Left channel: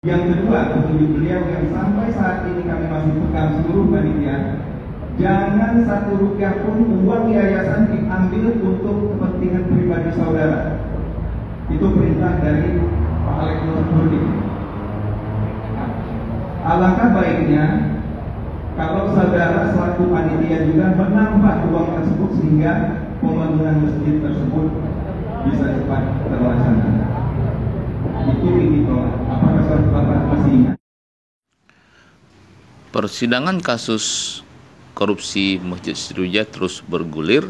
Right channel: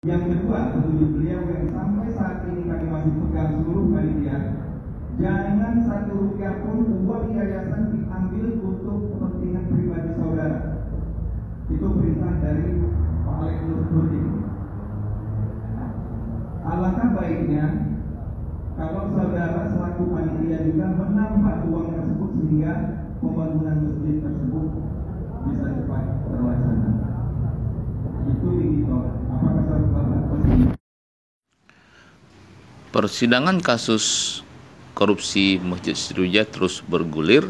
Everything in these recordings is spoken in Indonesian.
Yang kedua, petunjuk beliau yang sampai saat ini kami masih pegang seluruh panitia, jangan satu rupiah pun uang yayasan diambil untuk kepentingan pribadi saudara. Itu perintah dari Pak Alex Nurdin. Alangkah baiknya kalau saudara selaku panitia juga menambah uang tersebut sehingga pembangunan masjid tersebut bisa cepat terlaksana. Itu ini tolak. Apakah Bapak masih ingat? Persidangan kasus korupsi Masjid Sriwijaya terus bergulir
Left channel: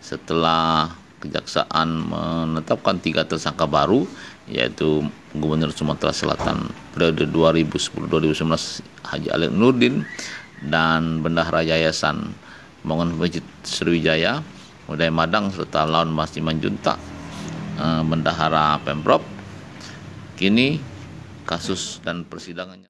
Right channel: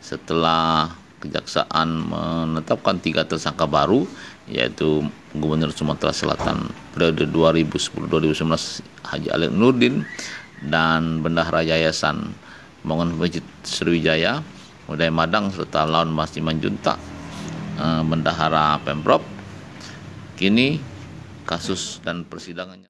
setelah Kejaksaan menetapkan 3 tersangka baru, yaitu Gubernur Sumatera Selatan periode 2010-2019 Haji Alex Nurdin dan Bendahara Yayasan Pembangunan Masjid Sriwijaya Uday Madang serta Laun Mas Simanjuntak, Bendahara Pemprov. Kini kasus dan persidangannya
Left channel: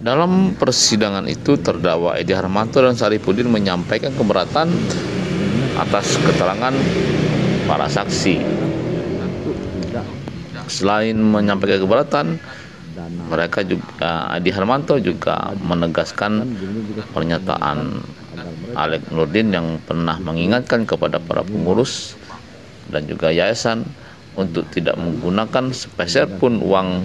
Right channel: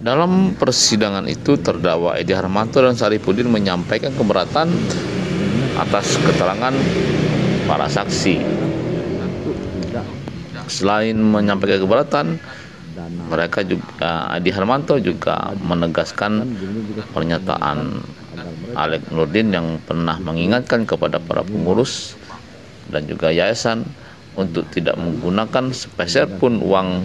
dalam persidangan itu terdakwa Edi Harmanto dan Saripudin menyampaikan keberatan atas keterangan para saksi. Selain menyampaikan keberatan, mereka juga Edi Harmanto juga menegaskan pernyataan Alex Nurdin yang pernah mengingatkan kepada para pengurus dan juga yayasan untuk tidak menggunakan sepeser pun uang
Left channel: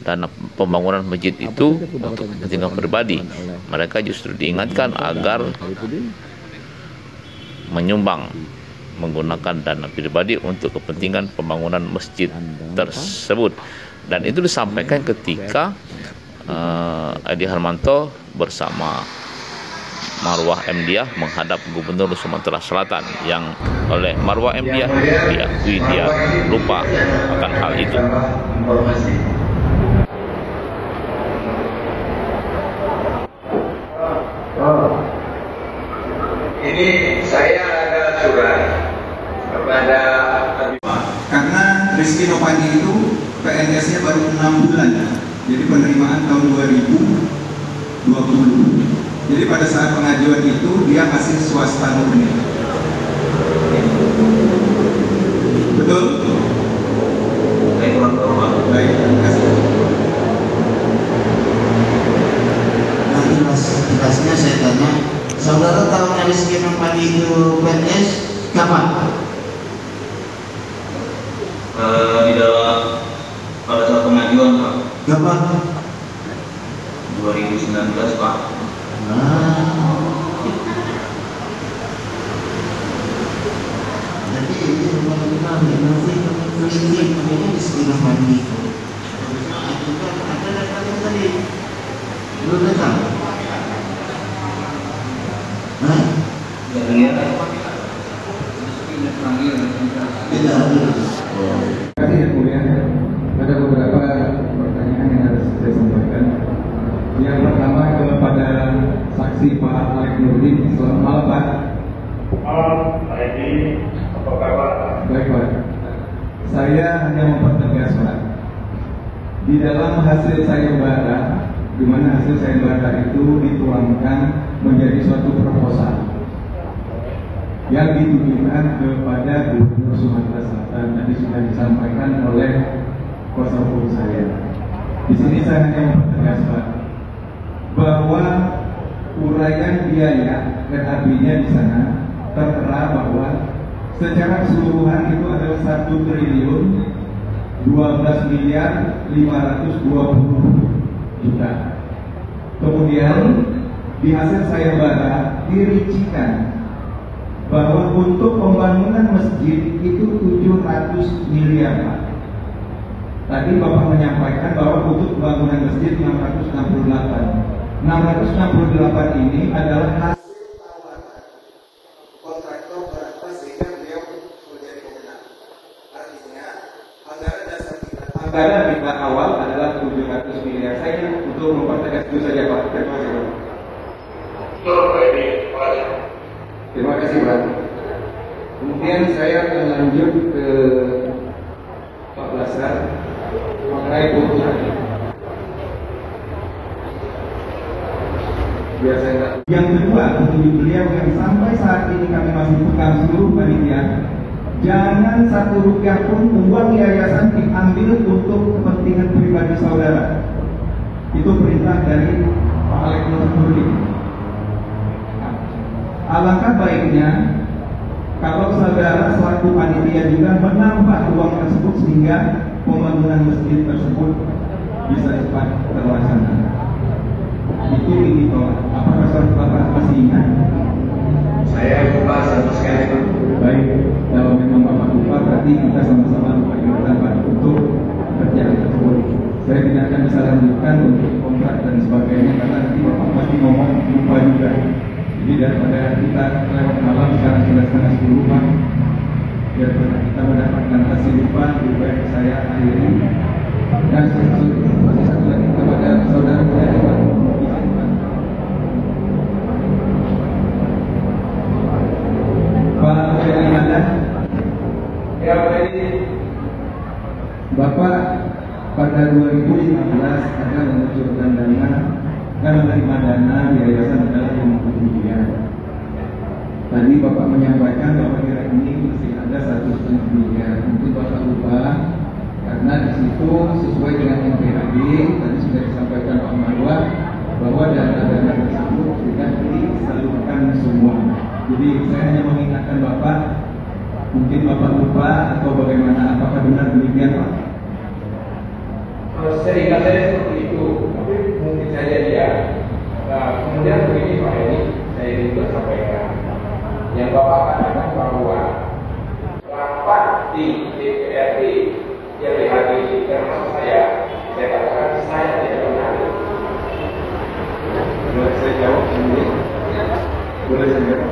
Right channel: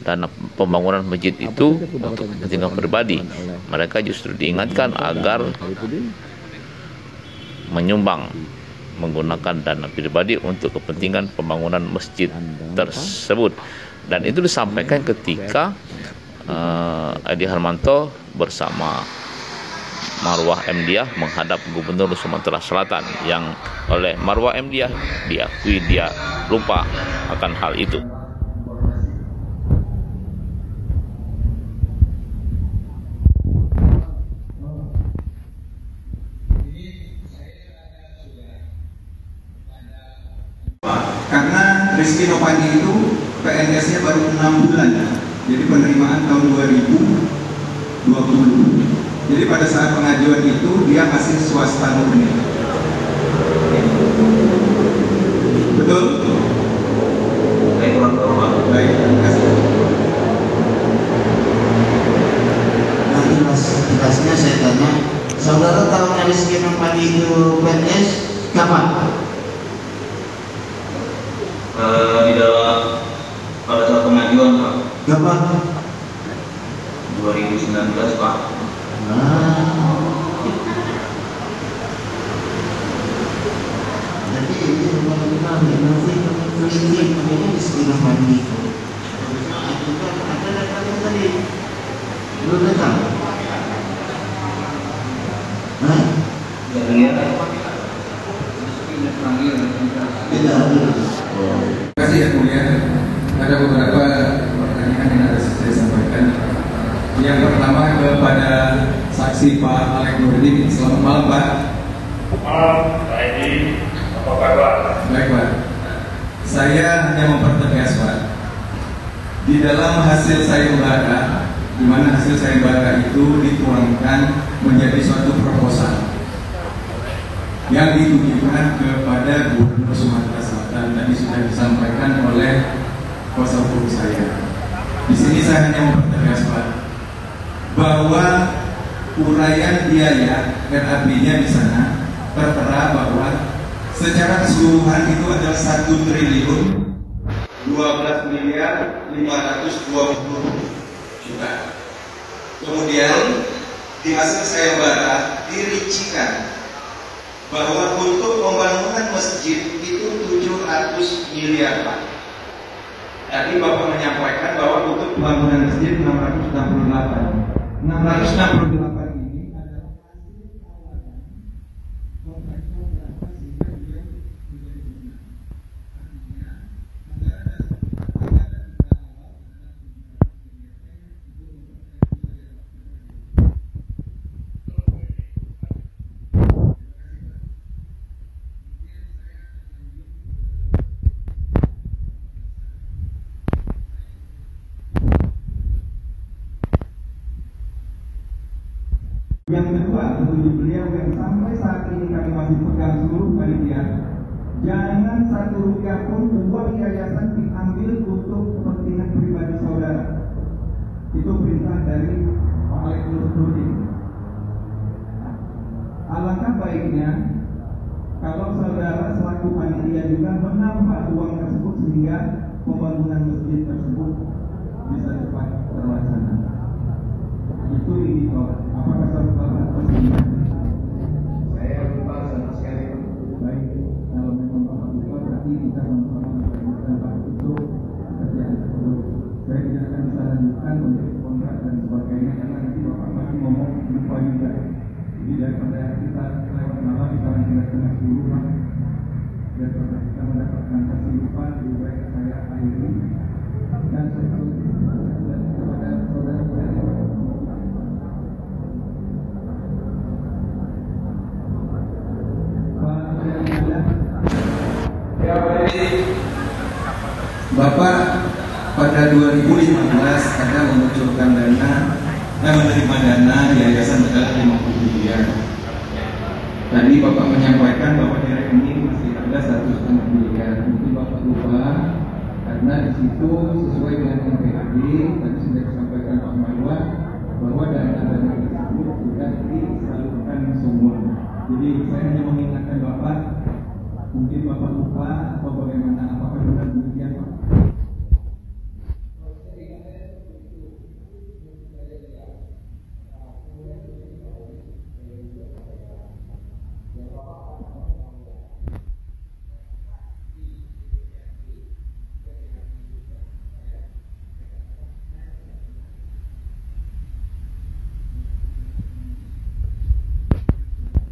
dana pembangunan masjid itu untuk kepentingan pribadi. Mereka justru diingatkan agar menyumbang menggunakan dana pribadi untuk kepentingan pembangunan masjid tersebut. Dan itu disampaikan ketika Edi Harmanto bersama Marwah Mdiah menghadap Gubernur Sumatera Selatan, yang oleh Marwah Mdiah diakui dia lupa akan hal itu. Ini saya ada surat kepada karena Rizky Nopandi itu PNS-nya baru 6 bulan, jadi penerimaan tahun 2020. Jadi pada saat pengajuan itu dia masih swasta murni. Betul? Baik, terima kasih. Nanti mas tugasnya saya tanya, saudara tahu Rizky Nopandi itu PNS kapan? Di dalam pada saat pengajuan Pak. Kapan? 2019 Pak. Jadi ini rumah nanti klinik ini di sekitar mandi. Ada datang tadi, belum datang. Hah? Tidak ada. Tidak ada. Terima kasih yang mulia. Ada beberapa pertanyaan yang harus saya sampaikan. Yang pertama kepada saksi Pak Alex Nurdin. Selamat malam Pak. Malam Pak Edi, apa kabar? Baik Pak. Saya hanya mempertegas Pak. Di dalam hasil sayembara, di mana hasil sayembara itu dituangkan menjadi suatu proposal yang ditujukan kepada Gubernur Sumatera Selatan. Tadi sudah disampaikan oleh kuasa hukum saya. Di sini saya hanya mempertegas Pak, bahwa uraian biaya RAB-nya di sana tertera bahwa secara keseluruhan itu adalah 1 triliun 12 miliar 520 juta. Kemudian di hasil sayembara dirincikan bahwa untuk pembangunan masjid itu 700 miliar Pak. Tadi Bapak menyampaikan bahwa untuk pembangunan masjid 668. 668 ini adalah hasil tawaran kontraktor berapa sehingga untuk mempertegas itu saja Pak. Terima kasih Pak. Terima kasih Pak. Kemudian saya akan lanjut ke Pak Lasar mengenai kebutuhan. Yang kedua, petunjuk beliau yang sampai saat ini kami masih pegang seluruh panitia, jangan satu rupiah pun uang yayasan diambil untuk kepentingan pribadi saudara. Itu perintah dari Pak Alek Nurdin. Alangkah baiknya kalau saudara selaku panitia juga menambah uang tersebut sehingga pembangunan masjid tersebut bisa cepat terlaksana. Itu ini Pak. Apakah Bapak masih ingat? Saya lupa sama sekali Pak. Baik, kalau memang Bapak lupa berarti kita sama-sama lupa ingatan Pak untuk kerjaan tersebut. Saya tidak akan bisa lanjutkan untuk kontrak dan sebagainya karena nanti Bapak pasti ngomong lupa juga. Jadi daripada kita lewat malam sekarang sudah setengah 10 Pak. Daripada kita mendapatkan hasil lupa, lebih baik saya akhiri. Dan masih satu lagi kepada saudara saya Pak. Ya, Bapak pada 2015 ada mengucurkan dana dan menerima dana yayasan adalah 50 miliar. Tadi Bapak menyampaikan bahwa dari ini masih ada 1,5 miliar. Mungkin Bapak lupa karena di situ sesuai dengan NPAD tadi sudah disampaikan Pak Marwah bahwa dana-dana tersebut tidak disalurkan semua. Jadi saya hanya mengingatkan Bapak, mungkin Bapak lupa atau bagaimana, apakah benar demikian Pak? Seingat saya seperti itu, tapi mungkin saja dia. Nah, kemudian begini Pak Edi, saya juga sampaikan, yang Bapak katakan bahwa rapat di DPRD yang dihadiri termasuk saya katakan saya tidak benar. Boleh saya jawab sendiri? Boleh saya jawab?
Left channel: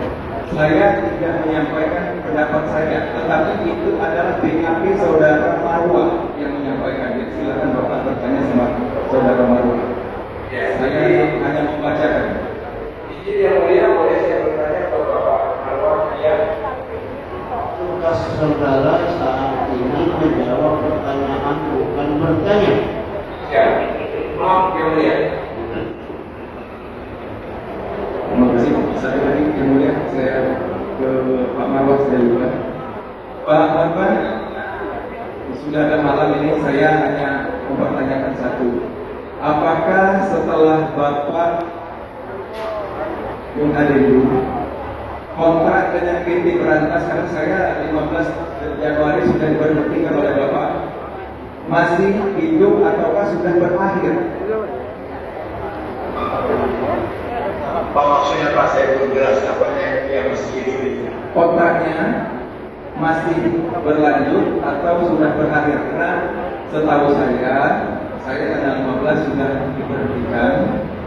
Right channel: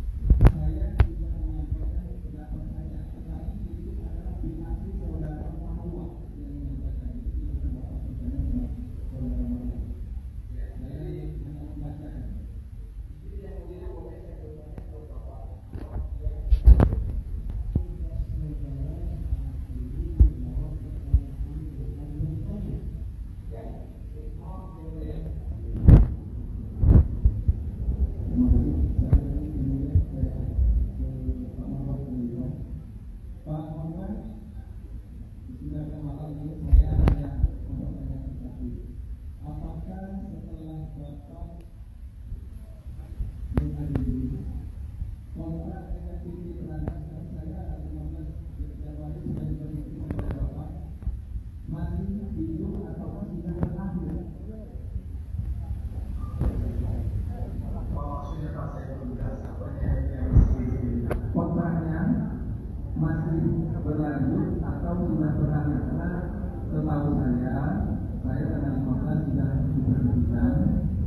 Saya tidak menyampaikan pendapat saya, tetapi itu adalah BAP saudara Marwah yang menyampaikan. Jadi silakan Bapak bertanya sama saudara Marwah. Ya, Saya hanya membacakan. Izin yang mulia, boleh saya bertanya kepada Bapak Marwah? Ya. Tugas saudara saat ini menjawab pertanyaan bukan bertanya. Ya, maaf yang mulia. Terima kasih. Satu lagi yang mulia, saya ke Pak Marwah saya juga. Pak Marwah, sudah ada malam ini saya hanya mempertanyakan satu. Apakah setelah Bapak Bung Adedu kontrak dengan PT Berantas, karena saya 15 Januari sudah diberhentikan oleh Bapak, masih hidup ataukah sudah berakhir? Apa maksudnya Pak? Saya belum jelas apanya yang mesti hidup. Kontraknya masih berlanjut atau sudah berakhir? Karena setahu saya tanggal 15 sudah diberhentikan,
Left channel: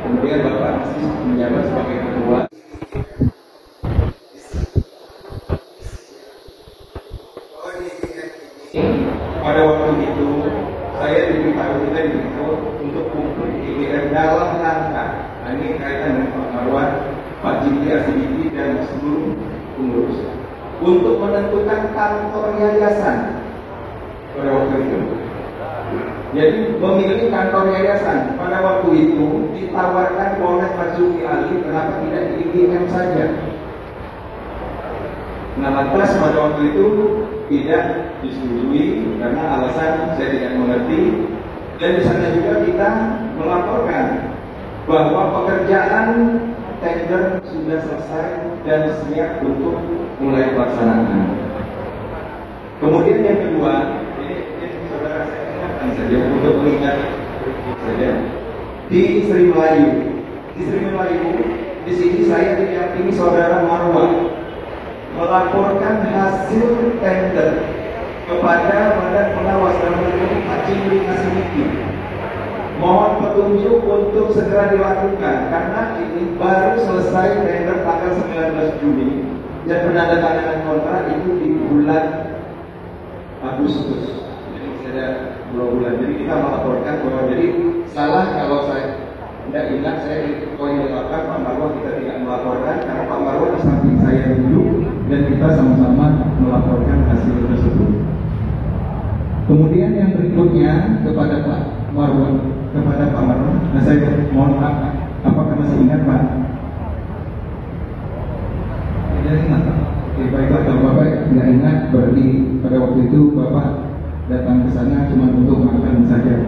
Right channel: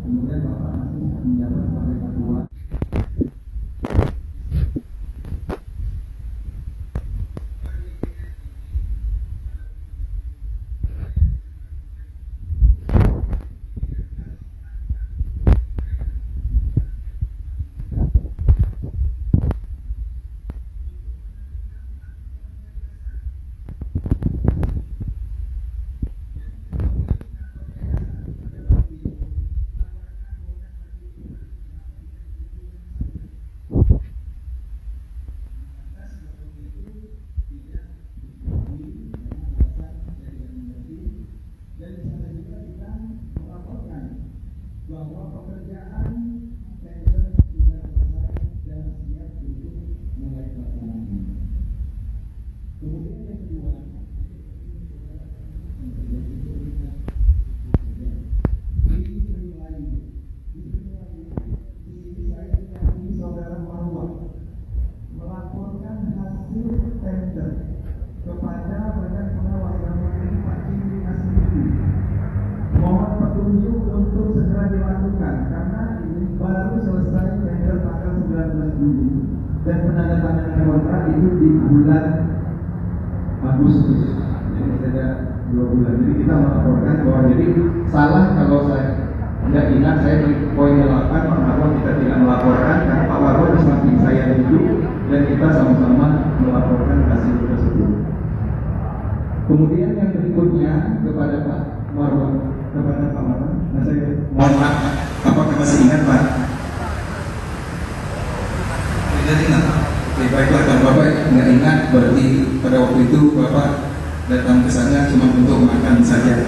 kemudian Bapak masih menjabat sebagai ketua. Pada waktu itu saya diberitahu kita untuk IGR dalam rangka, ini kaitan dengan Pak Marwah, Pak Jimli Asidiki dan seluruh pengurus, untuk menentukan kantor yayasan pada waktu itu. Jadi memilih kantor yayasan pada waktu itu ditawarkan oleh Pak Zulki Ali, kenapa tidak di IGM saja? Nah, lantas pada waktu itu tidak disetujui karena alasan saya tidak mengerti, dan di sana juga kita melaporkan bahwa pekerjaan tender sudah selesai dan siap untuk mulai pelaksanaan. Kemudian yang kedua, ini saudara saya ingatkan saja untuk mengingat saja di Sri Melayu. Di Sri Melayu, di sini saya didampingi saudara Marwah melaporkan hasil tender kepada Badan Pengawas dan Peneliti Pak Jimli Asidiki. Mohon petunjuk untuk segera dilakukan karena ini baru selesai tender tanggal 19 Juni dan penandatanganan kontrak itu di bulan Agustus. Jadi sudah 2 bulan. Jadi kita melaporkan bahwa jadi salah kalau saya Anda ingat saya di poin 8 Pak Marwah kita tidak melaporkan karena Pak Marwah di samping saya duduk dan kita sama-sama melaporkan hasil tersebut. Kemudian yang berikutnya kepada Pak Marwah, nah saya mohon maaf, apakah masih ingat Pak? Ingat. Oke, baiklah kalau Bapak nggak ingat berarti pada waktu itu Bapak datang ke sana cuma untuk makan saja.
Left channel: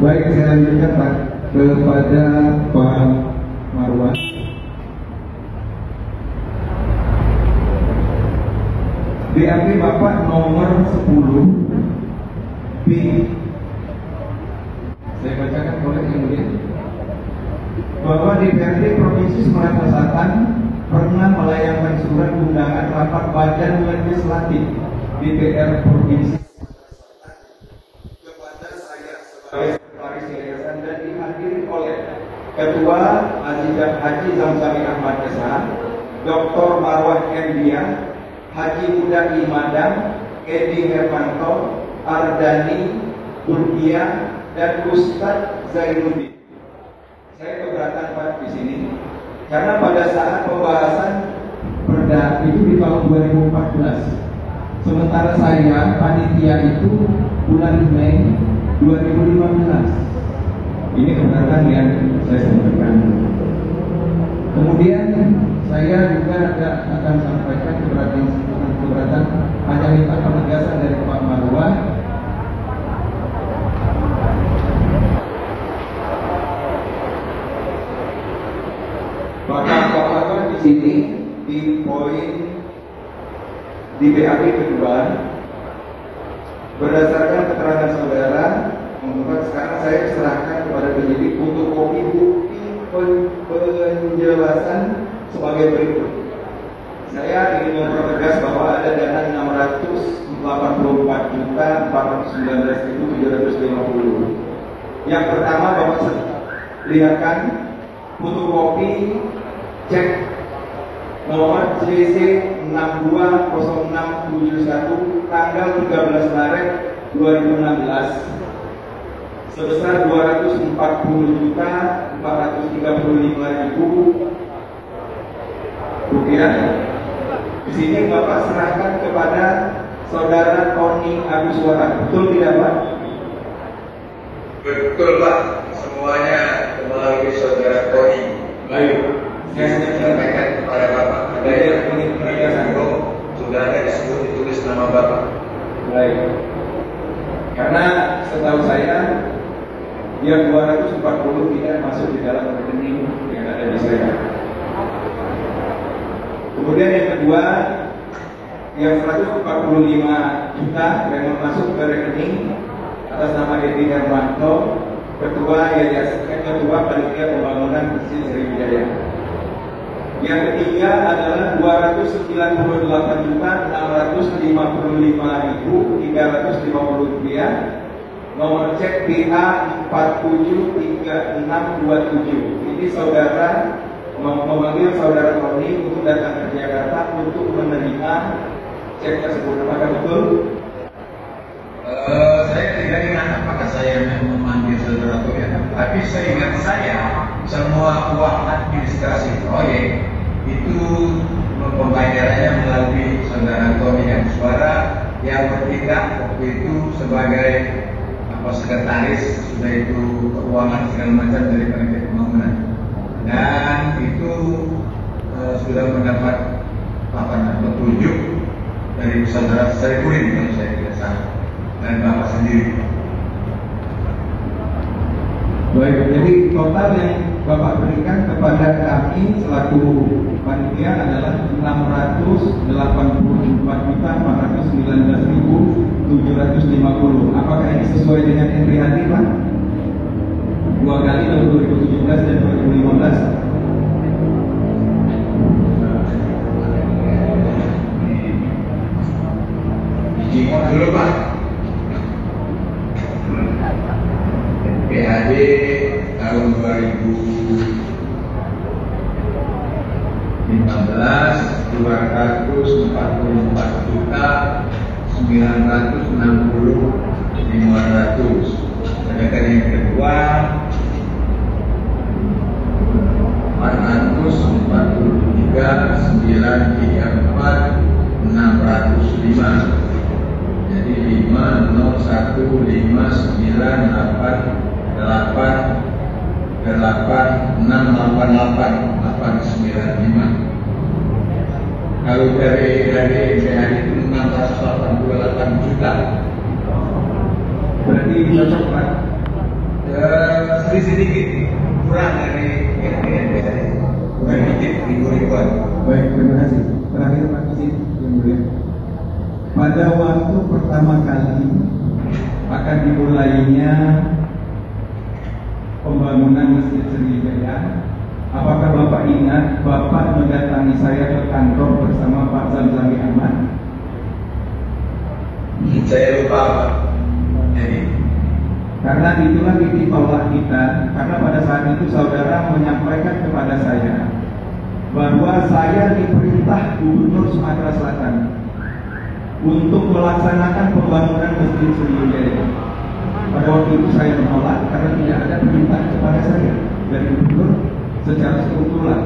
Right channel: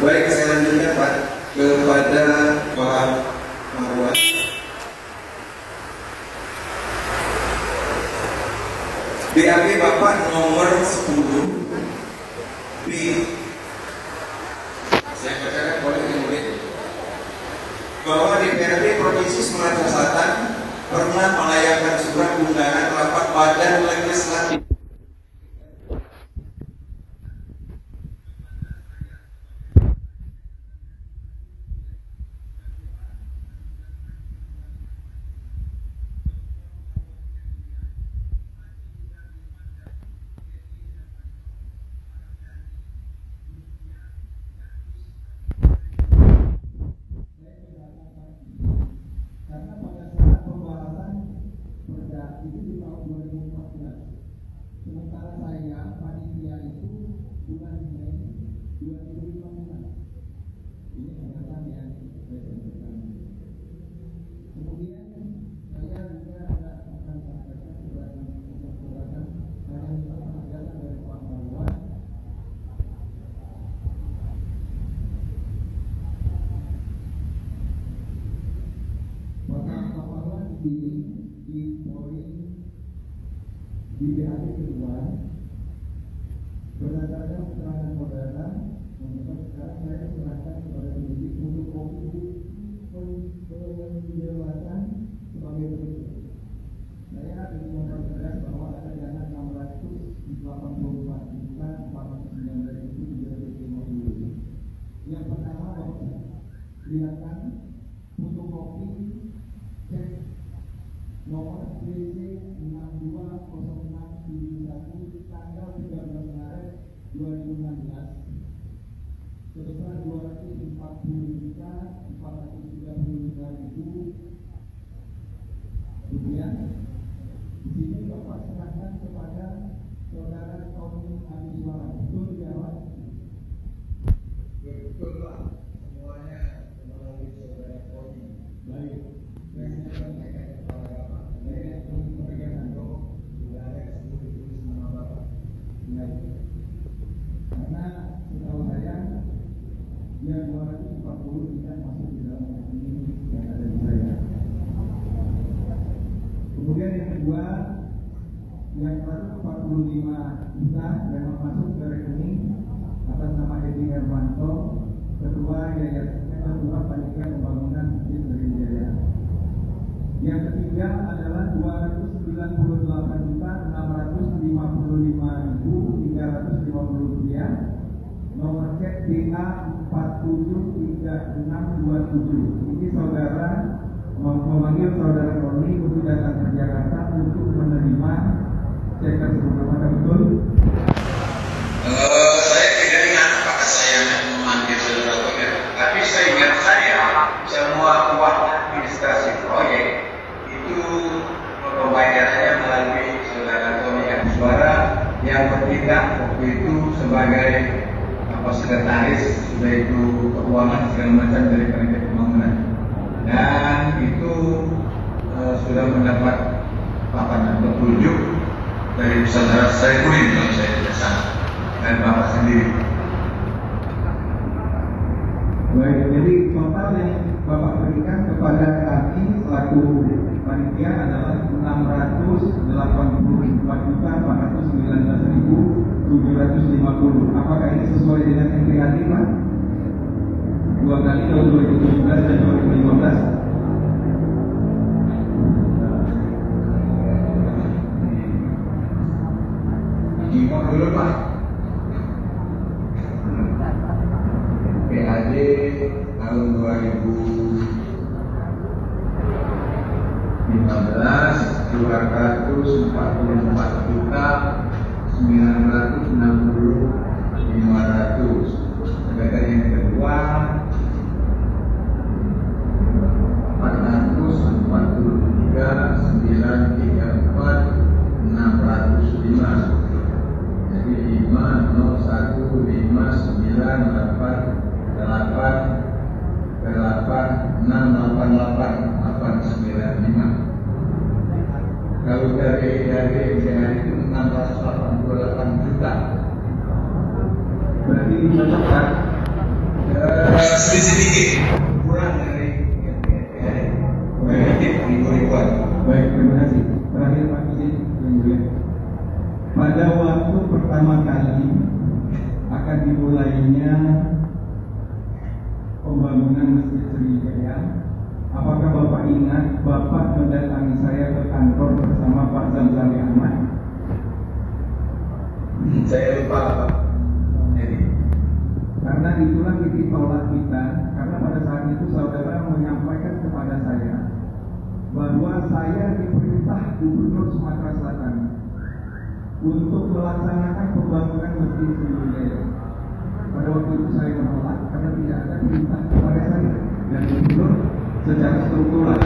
Baik, saya lanjutkan Pak kepada Pak Marwah. BAB Bapak nomor 10 B. Saya bacakan boleh kemudian bahwa DPRD Provinsi Sumatera Selatan pernah melayangkan surat undangan rapat Badan Legislatif DPR Provinsi kepada saya sebagai sekretaris yayasan dan dihadiri oleh Ketua Haji Zamzami Ahmad Esa, Dr. Marwah Endia, Haji Muda Imadam, Edi Hermanto, Ardani, Turkiya, dan Ustadz Zainuddin. Saya keberatan Pak di sini karena pada saat pembahasan perda itu di tahun 2014, sementara saya panitia itu bulan Mei 2015. Ini keberatan yang saya sampaikan. Kemudian saya juga akan sampaikan keberatan hanya minta penegasan dari Pak Marwah. Maka Pak Marwah di sini di poin di BAB kedua berdasarkan keterangan saudara membuat sekarang saya serahkan kepada penyidik untuk kopi bukti penjelasan sebagai berikut. Saya ingin mempertegas bahwa ada dana 684.419.750. Yang pertama Bapak lihatkan fotokopi cek nomor CC 620671 tanggal 13 Maret 2016 sebesar 240.435.000 rupiah. Di sini Bapak serahkan kepada Saudara Tony Aguswara, betul tidak Pak? Betul Pak, semuanya melalui Saudara Tony. Baik, saya hanya Sampaikan kepada Bapak. Ada yang ingin penegasan? Sudah ada disebut ditulis nama Bapak. Baik. Karena setahu saya yang 240 tidak masuk di dalam rekening yang ada di saya. Kemudian yang kedua, yang 145 juta memang masuk ke rekening atas nama Edi Hermanto, Ketua Yayasan Ketua Panitia Pembangunan Masjid Sriwijaya. Yang ketiga adalah 298.655.350 rupiah, nomor cek PA 473627. Ini saudara memanggil saudara Tony untuk datang ke Jakarta untuk menerima cek tersebut. Apakah betul? Saya tidak ingat apakah saya memanggil saudara Tony, tapi saya ingat semua uang administrasi proyek itu pembayarannya melalui saudara Tony Aguswara yang bertindak waktu itu sebagai sekretaris, sudah itu keuangan segala macam dari Panitia Pembangunan, dan itu sudah mendapat petunjuk dari saudara Saifuddin kalau saya tidak salah dan Bapak sendiri. Baik, jadi total yang Bapak berikan kepada kami selaku panitia adalah 684.419.750. Apakah ini sesuai dengan NPHD Pak? 2 kali tahun 2017 dan 2015. Dijingot dulu Pak. PAD tahun 2015 244.960.500. 688,895. Kalau dari MPH itu 688 juta. Berarti cocok kan? Sedikit kurang dari MPH tadi. Sedikit ribuan. Baik, terima kasih. Terakhir Pak Izin, yang mulia. Pada waktu pertama kali akan dimulainya pembangunan Masjid Sriwijaya, apakah Bapak ingat Bapak mendatangi saya ke kantor bersama Pak Zamzami Ahmad? Saya lupa Pak. Karena itulah titik tolak kita, karena pada saat itu saudara menyampaikan kepada saya bahwa saya diperintah Gubernur Sumatera Selatan untuk melaksanakan pembangunan Masjid Sriwijaya. Pada waktu itu saya menolak karena tidak ada perintah kepada saya dari Gubernur secara struktural.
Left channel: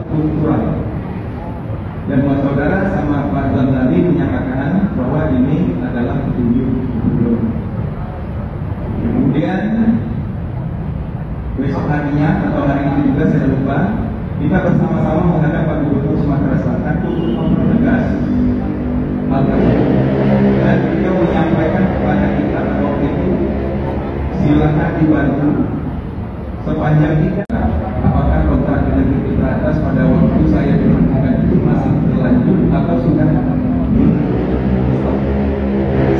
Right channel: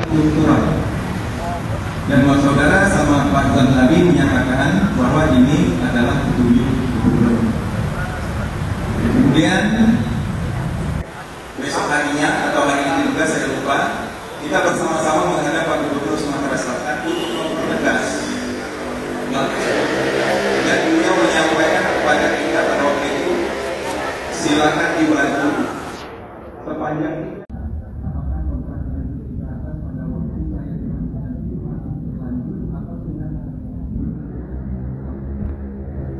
Dan saudara sama Pak Zamzami menyatakan bahwa ini adalah petunjuk Gubernur. Kemudian besok harinya atau hari ini juga saya lupa, kita bersama-sama menghadap Pak Gubernur Sumatera Selatan untuk mempertegas hal tersebut. Dan beliau menyampaikan kepada kita pada waktu itu, silakan dibantu sepanjang tidak apakah kontrak dengan PT Atas pada waktu saya dilakukan itu masih berlanjut atau sudah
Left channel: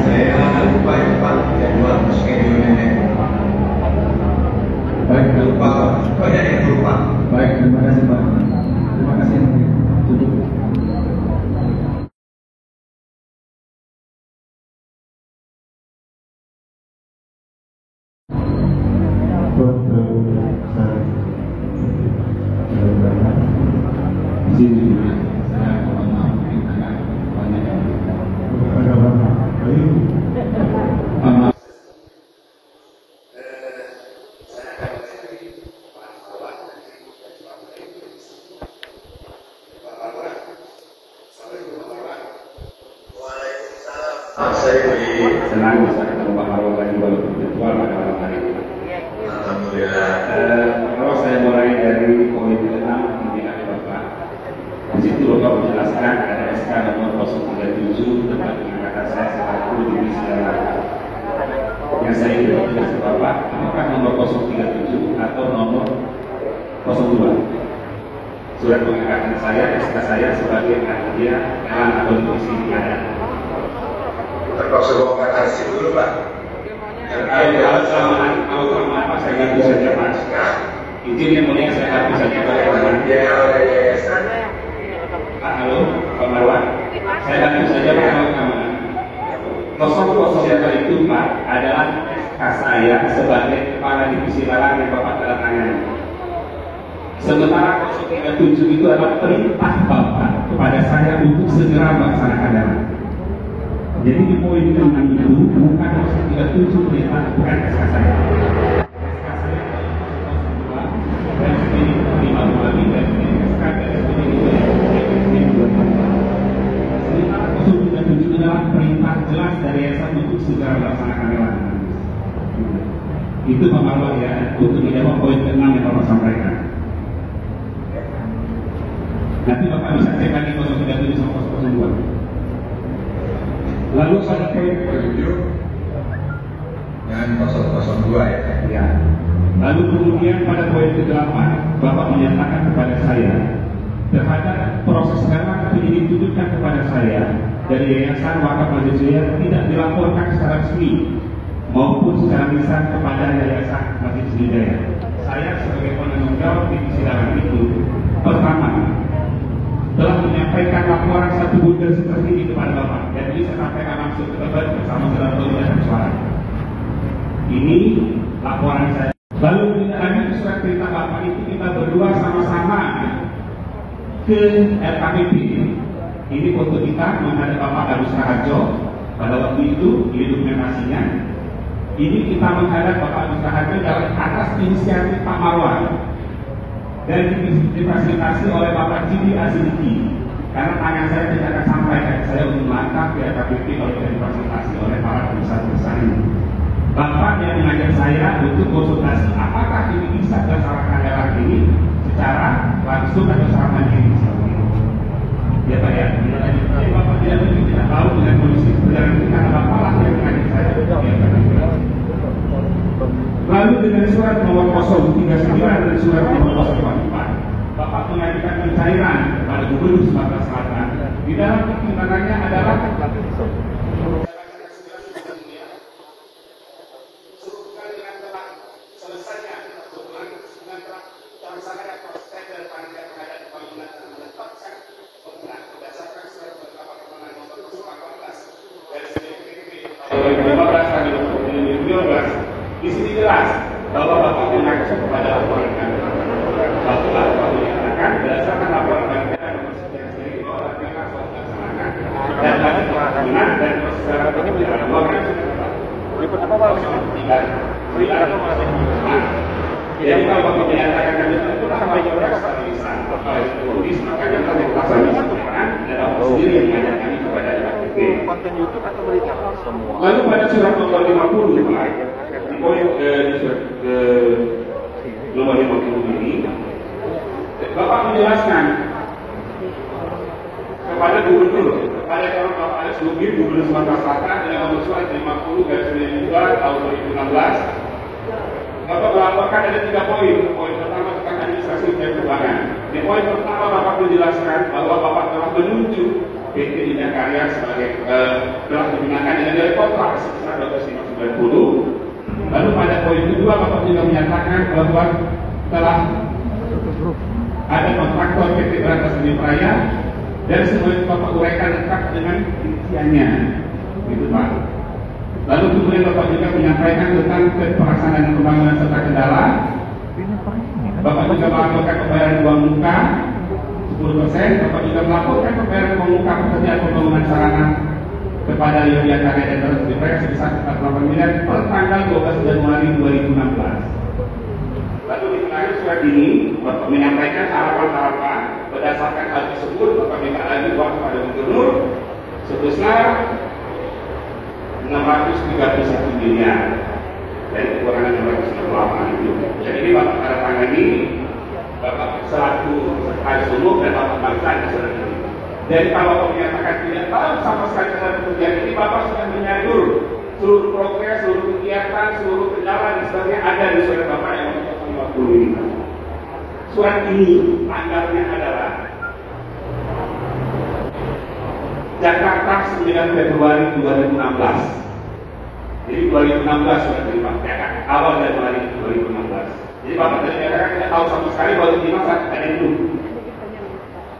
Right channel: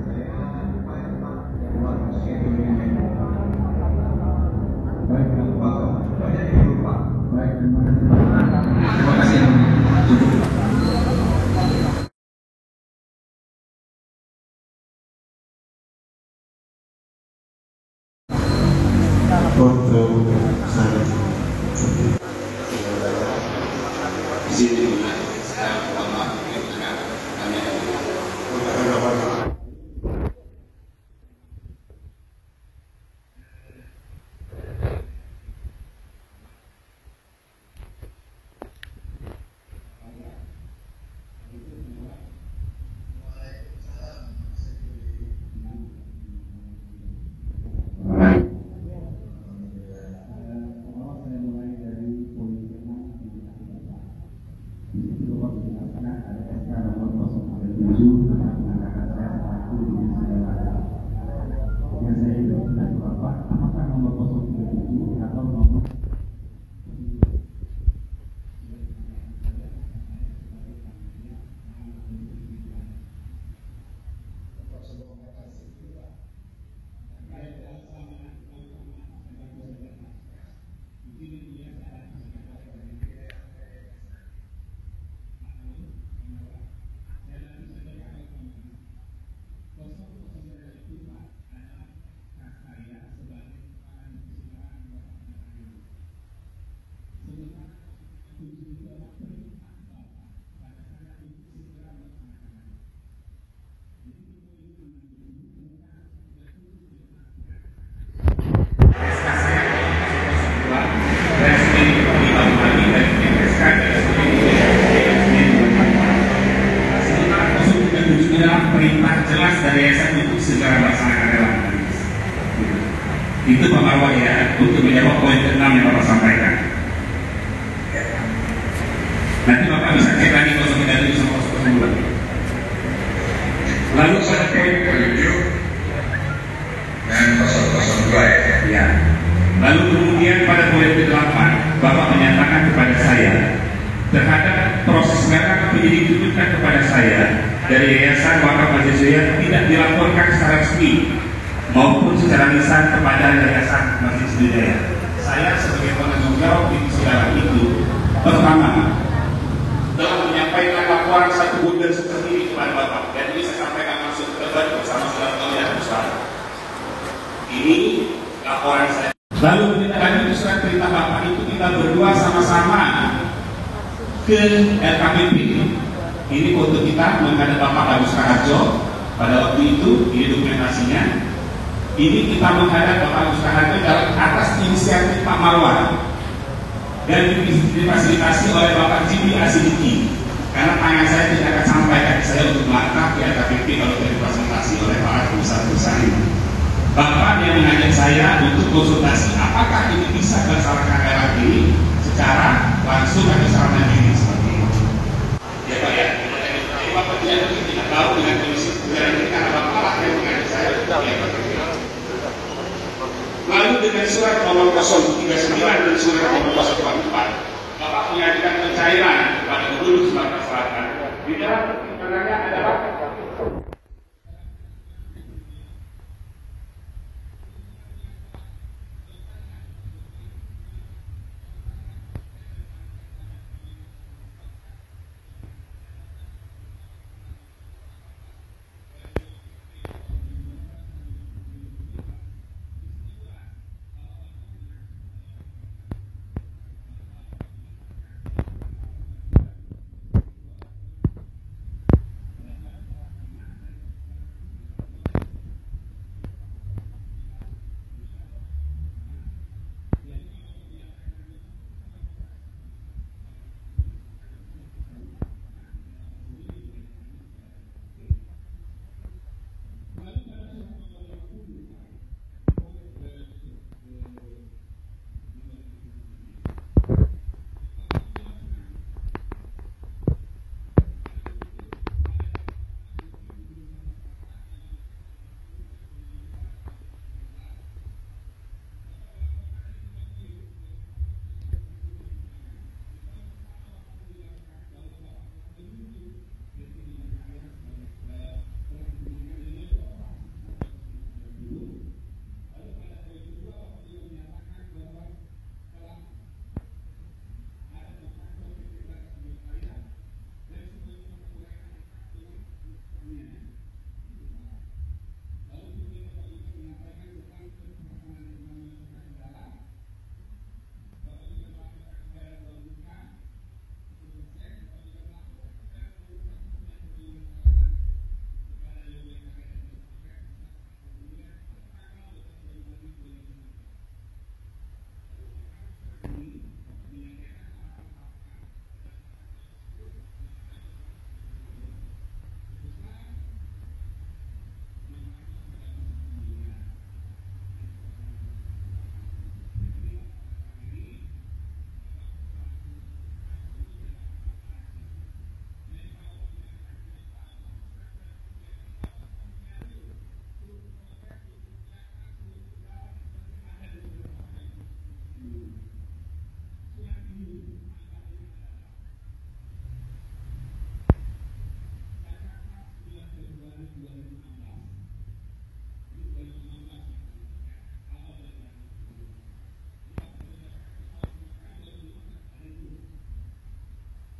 Saya lupa ya Pak, jadwal schedule-nya. baik, Lupa, banyak yang lupa. baik, terima kasih Pak. Terima kasih. Cukup. Untuk saya di sini saya mohon maaf banyak Saya di senang bisa ketemu Pak Marwan lagi walaupun virtual pada malam hari. Alhamdulillah. Kalau saya mulai dari poin ke-6 pimpinan Bapak, di situ Bapak menjelaskan ada SK nomor 037 tentang pengangkatan saya selaku divisi dalam. Yang saya ingin menjelaskan Bapak, apakah nomor 037 atau nomor 02? Surat pengangkatan saya, SK saya sebagai panitia dalam atau divisi ada. Terpaksa bongkar arsip dulu Pak. Kalau selama apa saya ganti saja Mas. Izin yang mulia saya ganti saja Pak. Halo Pak Marwan, saya ganti saja Pak Marwan. 007 itu Pak adalah SK saya sebagai kepala divisi lelang yang Bapak telah tangani. Sementara 037 itu adalah perintah Bapak kepada saya untuk segera melaksanakan lelang. Jadi di poin 6 itu bukan 037 perintah, bukan SK saya. SK saya 002 dan SK 5 lagi dan SK dari SK 2. Sementara 037 adalah perintah jelas dari yayasan untuk segera melaksanakan lelang. Itu Pak Marwan ya, untuk menjawab poin ke-6 yang Bapak sampaikan. Nanti Bapak bisa cek lagi 037 sama 002. Lalu pada poin 7 dan 002 ya. Ya. Lalu kemudian pada poin ke-8 Bapak menyatakan kepada saya terhadap proses lelang penyidik tunjukkan kepada saya dari Yayasan Wakaf Masjid Sriwijaya tidak dilaporkan secara resmi maupun secara lisan kepada Yayasan Masjid Sriwijaya. Saya sebagai penanggung jawab di persidangan itu pertama telah menyampaikan laporan satu bundel seperti ini kepada Bapak dan ini saya sampaikan langsung ke Bapak bersama saudara dan bersuara. Ini laporan saya. Lalu tidak lanjut surat perintah Bapak itu kita berdua sama-sama ke RKPP. Ini foto kita menghadap Bapak Agus Raharjo pada waktu itu, ini dokumentasinya. Ini kita menghadap Bapak Agus Raharjo dalam atas inisiatif Pak Marwan dan difasilitasi oleh Bapak Jibi Asidiki karena tangan saya tidak akan sampai kaki saya untuk melangkah ke RKPP kalau tidak difasilitasi oleh para perusahaan-perusahaan ini. Bapak yang mengajak saya untuk konsultasi apakah ini bisa dilaksanakan lelang ini secara dengan surat nomor 039 dan surat nomor 044, Bapak mengajukan pencairan kepada Gubernur Sumatera Selatan. Di dalam pertimbangannya adalah di sini jelas bahwa Bapak mengacu kepada laporan kami. Bapak menyatakan berdasarkan laporan kami nomor sekian seri bahwa rakyat sudah dilaksanakan dan bagi pengambilan dan proses ini berjalan luar jadi kalau Bapak menyatakan kami itu sampai stabilisan tulis makanya kami laksanakan peran dan Bapak sendiri yang mengajak kami kepada LKP. Lalu pada surat nomor 50 Pak, di poin di surat nomor 50 ini Bapak menjelaskan kepada Gubernur, kepada calon Bapak Anies Lugir, Gubernur Sumatera Selatan dengan nomor surat 50/92 tahun 2016. Bapak melaporkan ada 3 poin. Poin pertama tentang administrasi dan keuangan. Di poin pertama Bapak menjelaskan bahwa Bapak telah menunjuk PT Indah Karya sebagai telah digunakan dengan nilai kontrak sebesar 12.590. Lalu pada poin kedua Bapak juga menyatakan bahwa telah ada kontraktor PT Berantas Raya dan semuanya Bapak uraikan lengkap dengan rinciannya, gitu Pak. Lalu kemudian Bapak juga menyampaikan tentang pelaksanaan pembangunan serta kendala. Bapak juga melaporkan pembayaran uang muka 10%. Bapak juga melaporkan pembayaran uang muka pekerjaan pembangunan sarana kepada Yogyakarta Karya dan Berantas Raya sebesar 48 miliar per tanggal 12 Januari 2016. Lalu di tengah surat ini Bapak menyampaikan harapan-harapan berdasarkan hal tersebut. Bapak minta lagi uang kepada Gubernur sebesar 631 miliar dari kekurangan 668 itu. Jadi ini Bapak tanda tangani, Bapak selaku sekretaris umum dan Bapak bangsa surat ini. Jadi kalau Bapak menyatakan tidak tahu sama sekali tentang pekerjaan ini, Bapak sudah menyadur seluruh progres, seluruh kegiatan, seluruh kendala dan sebagainya ada di surat Bapak yang nomor 50 ini. Surat ini tanggalnya adalah Jakarta 9 Februari 2016. Jadi 2016 sudah terima, awal Januari 2016. Jadi Bapak tadi katakan tidak tahu sama sekali bahwa terima saat ada itu.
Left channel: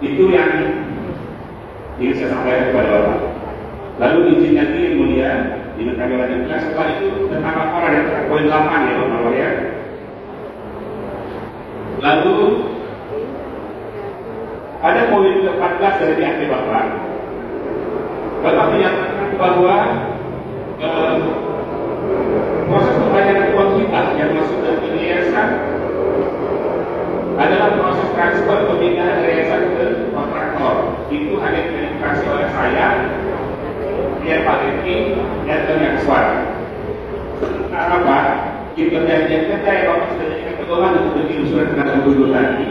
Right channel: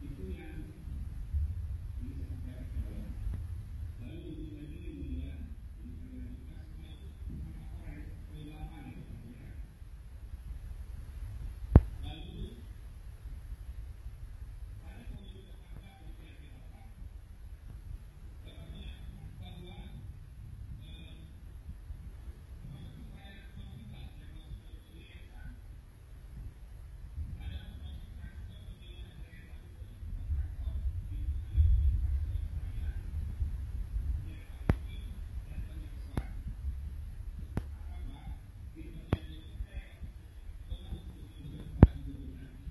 Itu yang ingin saya sampaikan kepada Bapak. Lalu izin yang ini kemudian ini kami lanjutkan setelah itu tentang laporan yang poin 8 ya Bapak ya. Lalu ada poin 14 dari DAP Bapak. Bapak menyatakan bahwa proses pembayaran uang kita yang masuk dari yayasan adalah proses transfer pemindahan dari yayasan ke kontraktor. Itu hanya diverifikasi oleh saya, dia Pak Riki, dan Tengah Suara. Sementara Pak, di perjanjian kerja yang Bapak sudah jadikan pedoman untuk bikin surat kepada Gubernur tadi,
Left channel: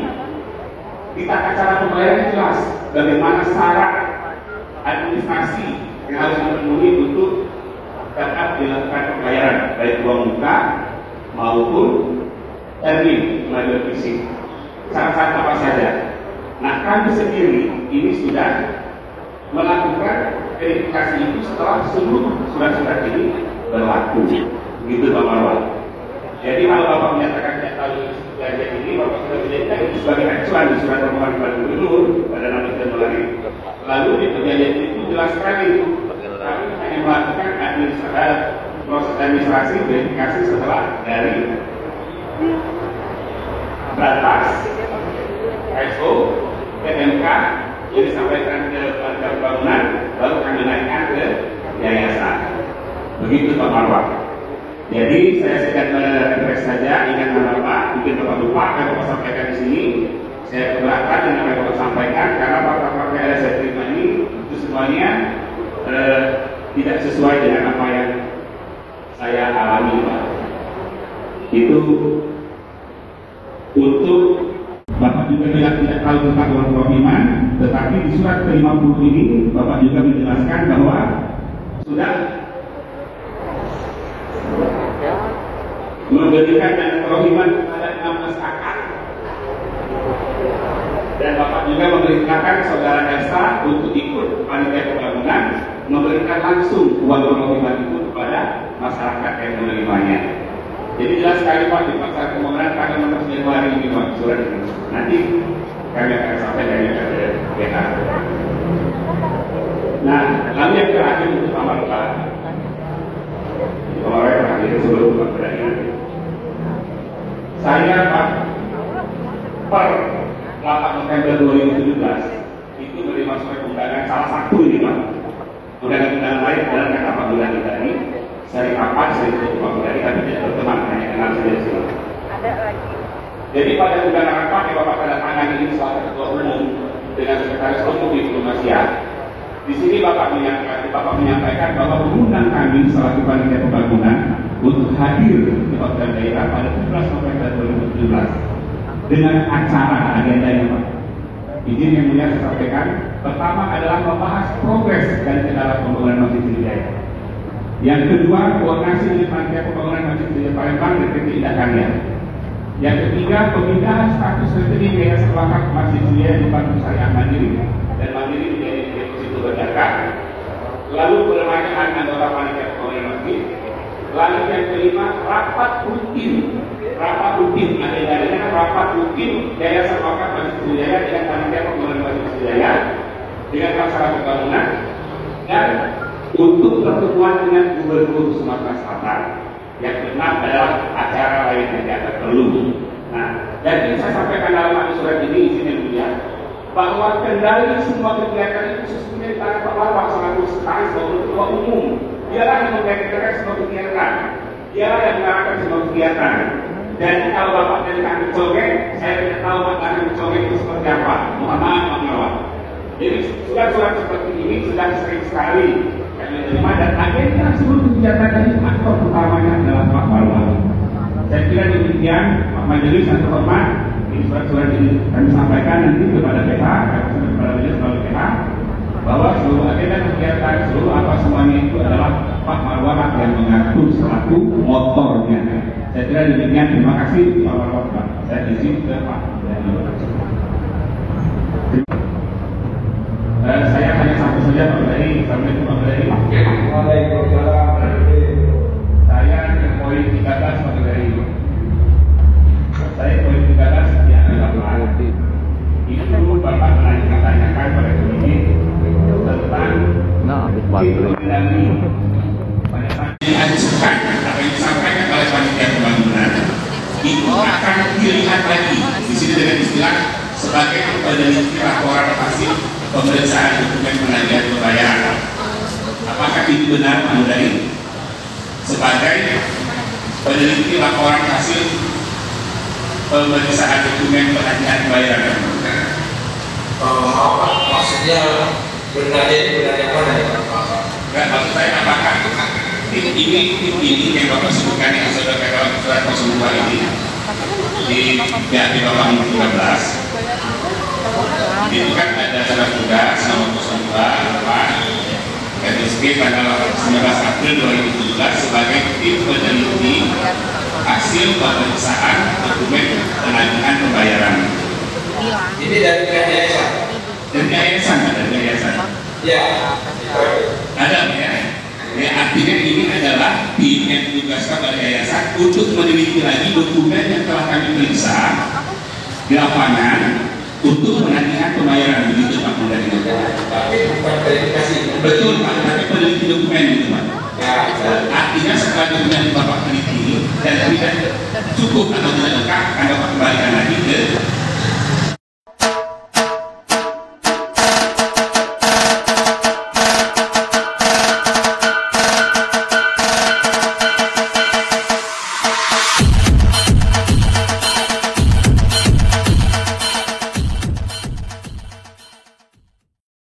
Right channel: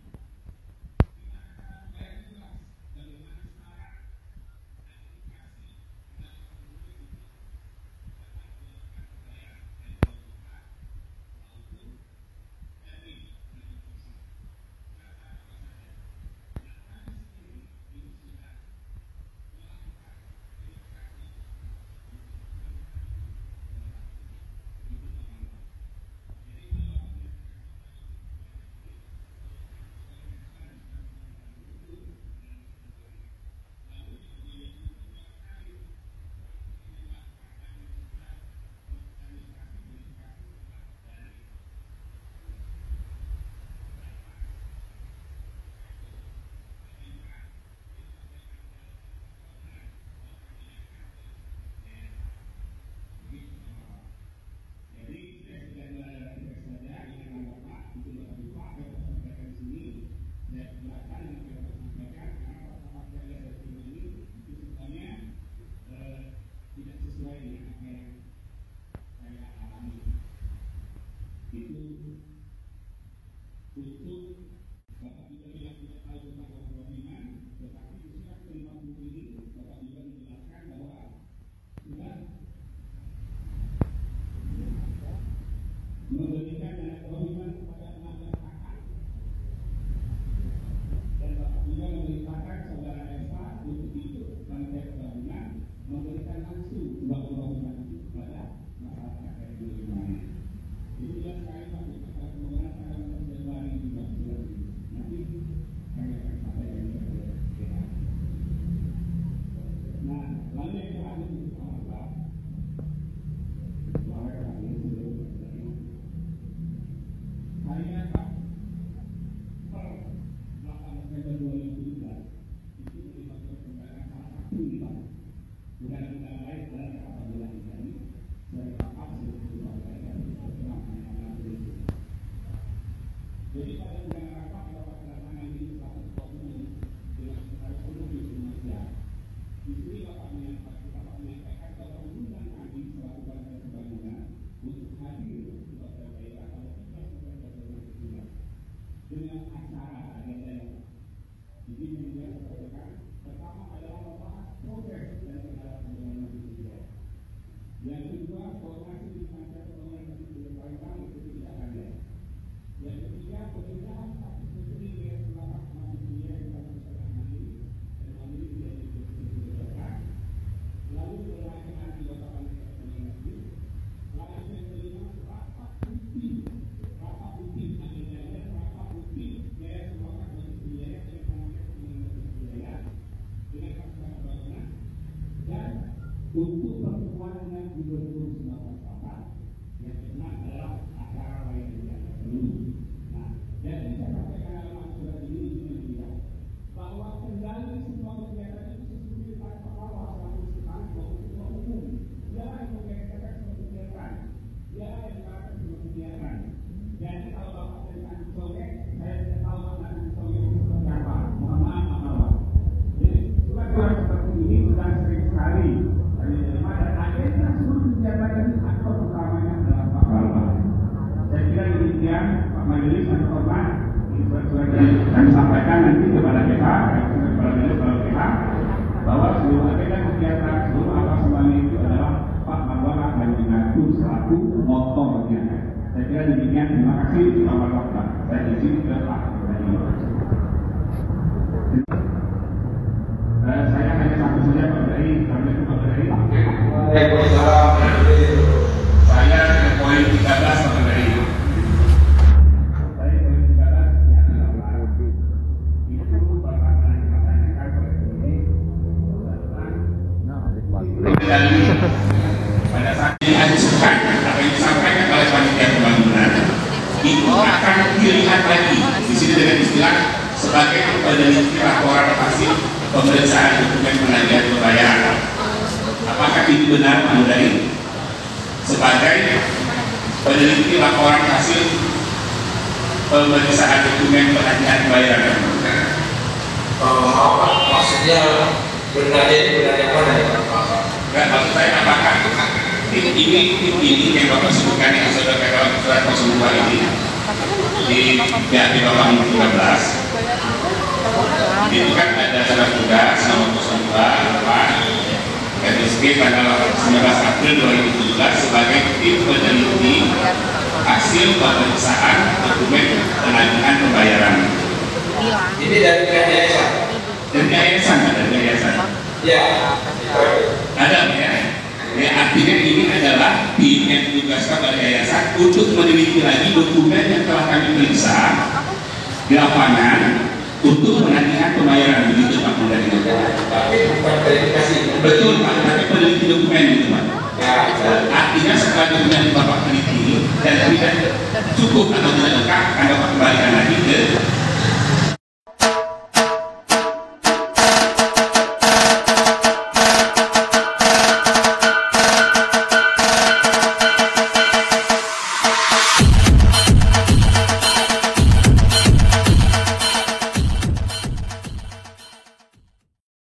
di tata cara pembayaran jelas bagaimana syarat administrasi yang harus dipenuhi untuk tetap dilakukan pembayaran baik uang muka maupun termin melalui fisik. Syarat-syarat apa saja? Nah, kami sendiri ini sudah melakukan verifikasi itu setelah seluruh surat-surat ini berlaku. Begitu Pak Marwan. Jadi kalau Bapak menyatakan tidak tahu perjanjian ini, Bapak sudah menjadikan itu sebagai acuan di surat permohonan kepada Gubernur pada 16 Januari. Lalu di perjanjian itu jelas sekali kami hanya melakukan proses administrasi verifikasi setelah dari batas ISO PMK yang disampaikan ke Kementerian Bangunan, lalu kami naikkan ke yayasan. Begitu Pak Marwan. Jadi saya sedang merefresh saja, ingat Bapak, mungkin Bapak lupa, yang Bapak sampaikan di sini. Saya keberatan dengan apa yang Bapak sampaikan karena fakta-fakta yang saya terima ini itu semuanya tidak sesuai dengan apa yang saya alami, Pak. Itu untuk Bapak juga bilang tidak tahu tentang uang propiman, tetapi di surat ke-50 ini Bapak juga menjelaskan bahwa sudah memberikan dana kerohiman kepada 16 kakak. Dan Bapak juga memerintahkan saudara Elsa untuk ikut panitia pembangunan memberikan langsung uang kerohiman itu kepada masyarakat yang menerimanya. Jadi jelas sekali Pak di pasal pembangunan tanggal 16 Januari ini Pak surat ini. Nanti kami akan sampaikan ke BH. Nah, lalu yang terakhir untuk amal Pak. Kemarin terakhir sebelum Pak berani. Saya Pak per 8 November 2017 itu menerima surat undangan salah satu ini Pak. Undangan-undangan lain adalah kata Pak Bulani tadi. Saya kapan saya itu Pak Bulani tapi tidak berteman hanya kenal saja sih. Ada lagi. Jadi pada undangan rapat yang Bapak tanda tangan ini selaku Ketua Umum dengan Sekretaris Umum Diplomasiat. Di sini Bapak menyampaikan bahwa mengundang kami selaku panitia pembangunan untuk hadir di Hotel Daerah pada 17 November 2017 dengan acara agendanya Pak. Izin yang mulia saya sampaikan, pertama adalah membahas progres dan kendala pembangunan Masjid Sriwijaya. Yang kedua, koordinasi dengan panitia pembangunan Masjid Sriwijaya Palembang dan PT Indah Karya. Yang ketiga, pemindahan status rekening Yayasan Wakaf Masjid Sriwijaya di Bank Syariah Mandiri dan Mandiri menjadi deposito berzakat. Lalu peremajaan anggota panitia pembangunan masjid. Lalu yang kelima, rapat rutin agendanya rapat rutin Yayasan Wakaf Masjid Sriwijaya dengan panitia pembangunan Masjid Sriwijaya dengan masalah pembangunan dan untuk pertemuan dengan Gubernur Sumatera Selatan. Yang keenam adalah acara lain yang tidak perlu. Nah, jadi saya sampaikan dalam surat ini izin yang mulia bahwa kendali semua kegiatan itu sesungguhnya di tangan Pak Marwah selaku sekretaris sebagai Ketua Umum. Dialah yang menggerakkan semua kegiatan, dialah yang mengarahkan semua kegiatan. Dan kalau Bapak dari kami congeng, saya tidak tahu makna congeng itu seperti apa. Mohon maaf Pak Marwah. Jadi surat-surat seperti ini sudah sering sekali kami terima dan agenda seluruh kegiatan ini aktor utamanya adalah Pak Marwah. Saya kira demikian Pak Majelis yang terhormat, ini surat-surat ini kami sampaikan nanti kepada PH, kepada Majelis melalui PH, bahwa seluruh agenda kegiatan, seluruh apa semuanya itu adalah Pak Marwah yang mengatur selaku motornya. Saya kira demikian, terima kasih Pak Marwah. Saya izin ke Pak. Saya hanya satu saja Pak Berdari, Assalamualaikum Pak Berdari. Waalaikumsalam. Saya ke poin 13 Pak Berdari. Saya poin 13 yang adalah itu Bapak menanyakan pada kami tentang pada saat ini ajukan apa yang disampaikan oleh panitia pembangunan itu akan dilihat lagi di sini dengan istilah sebagai peneliti laporan hasil pemeriksaan dokumen penagihan pembayaran. Apakah ini benar Pak Berdari? Sebagai peneliti laporan hasil pemeriksaan dokumen penagihan pembayaran. Maksudnya benar yang mana ya? Dan maksud saya apakah tim ini yang Bapak sebutkan yang sudah katakan surat 02 ini di pihak Bapak 13 itu kan ada surat tugas nomor 02 RSG tanggal 19 April 2017 sebagai tim peneliti hasil pemeriksaan dokumen penagihan pembayaran. Ini dari yayasan. Dari yayasan ada yayasan. Ya. Ada ya. Ya artinya ini adalah tim yang ditugaskan oleh yayasan untuk meneliti lagi dokumen yang telah kami periksa di lapangan untuk penagihan pembayaran, begitu Pak Berdari. Tapi bukan verifikasi. Betul Pak, tapi peneliti dokumen itu Pak. Ya. Artinya setelah dokumen Bapak teliti dan tidak cukup atau tidak lengkap, Anda kembalikan lagi